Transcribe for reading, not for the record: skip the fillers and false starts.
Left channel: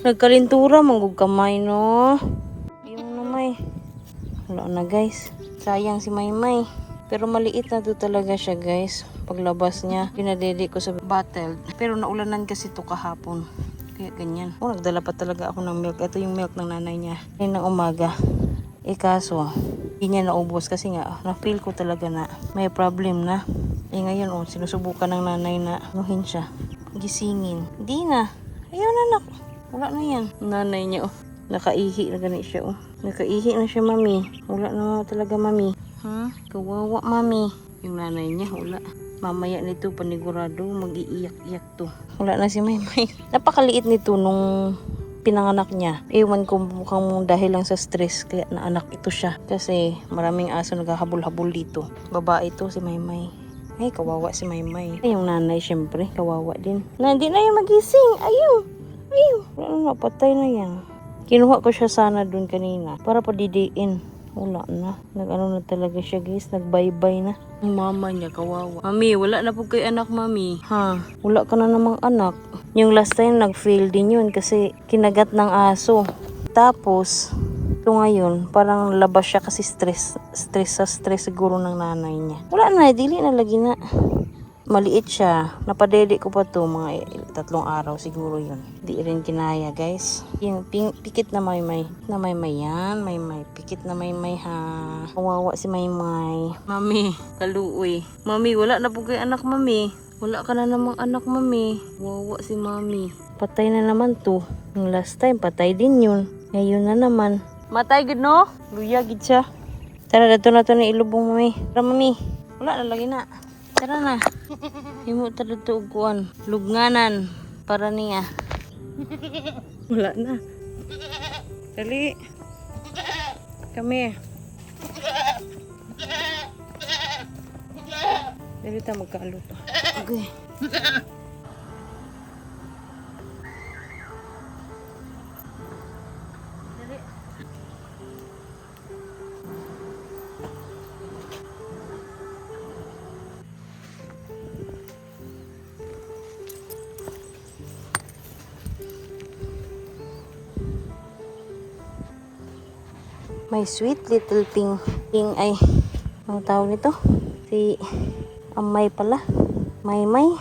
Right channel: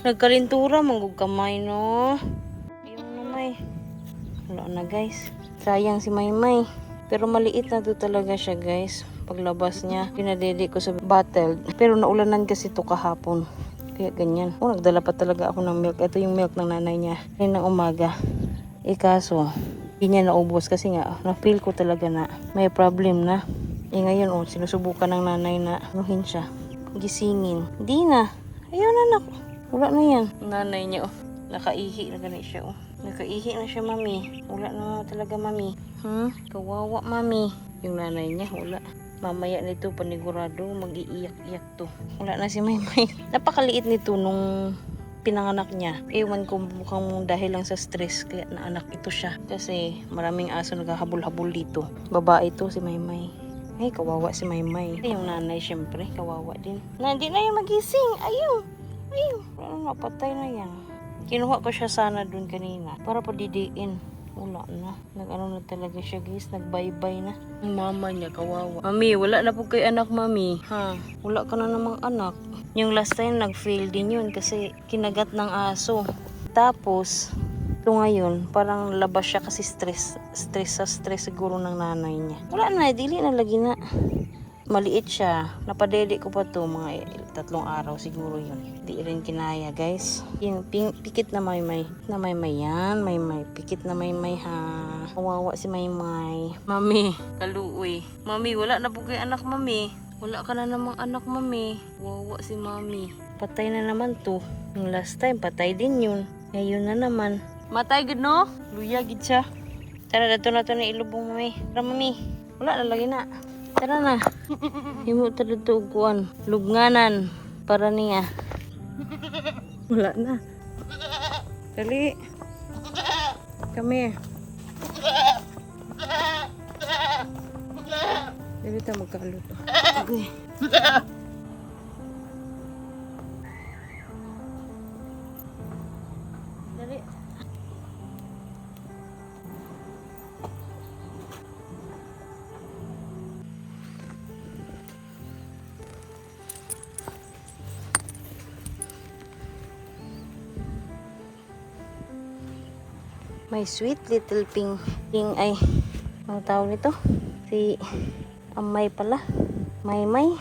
Nagkalintura, manggug kamay, no? Yung namay. Wala na, guys. Sayang si Maymay. Pero maliit na to talaga siya, guys. Paglabas niya, pinadede ko sa bottle. Pero naulanan kasi to kahapon. Kaya ganyan. Oh, nagdala pa talaga ako ng milk. Ito yung milk ng nanay niya. Ngayon ng umaga. Kaso, hindi niya naubos kasi nga, na-feel ko talaga na may problem na. Ngayon, sinusubukan ng nanay na anuhin siya. Gisingin. Hindi na. Ayun, anak. Wala na yan. Nanay niya, nakaihi na ganit siya, Nakaihi na siya, mami. Wala na talaga, mami. Kawawa, mami. Yung nanay niya, wala. Mamaya nito, panigurado, mag-iiyak-iyak to. Wala na si Maymay. Napakaliit nito nung pinanganak niya. Ewan ko mukhang dahil lang sa stress, kaya naanak ito siya. Kasi maraming aso naghahabol-habol dito. Babae ito, si Maymay. Ay, kawawa si Maymay. Ay, yung nanay, syempre, kawawa din. Na, hindi na yung magising. Ayun. Wala na, patay na yan. Kinuha ko siya sana dun kanina para padidiin. Wala na. Nag-ano na talaga siya, guys. Nag-bye-bye na. Yung mama niya, kawawa. Mami, wala na po kay anak, mami. Wala ka na namang anak. Yung last time, nag-fail din yun kasi kinagat ng aso. Tapos, ito ngayon, parang labas siya kasi stress siguro ng nanay niya. Wala na, dili na lagi na. Maliit siya. Napadede ko pa to mga 3 araw siguro yun. Di rin kinaya, guys. Yung pikit na Maymay. Na Maymay yan. Maymay. Pikit na Maymay, ha. Kawawa si Maymay. Mami, kaluoy. Mami, wala na po kay anak, mami. Wala ka na namang anak, mami. Kawawa si mami. Patay na naman to. Yung last time, patay din yun. Ngayon na naman. Matay gid, no? Luya gid siya. Tara, dato na to ni ilubong, mami. Tara, mami. Wala na lagi na. Tara na. Himo ta dito og kuan, lubnganan para niya. Wala na. Dali. Kami. Dali ta magkaluto. Okay. Dali. My sweet little ping ay, ang tawag nito? Si Amay pala. Maymay.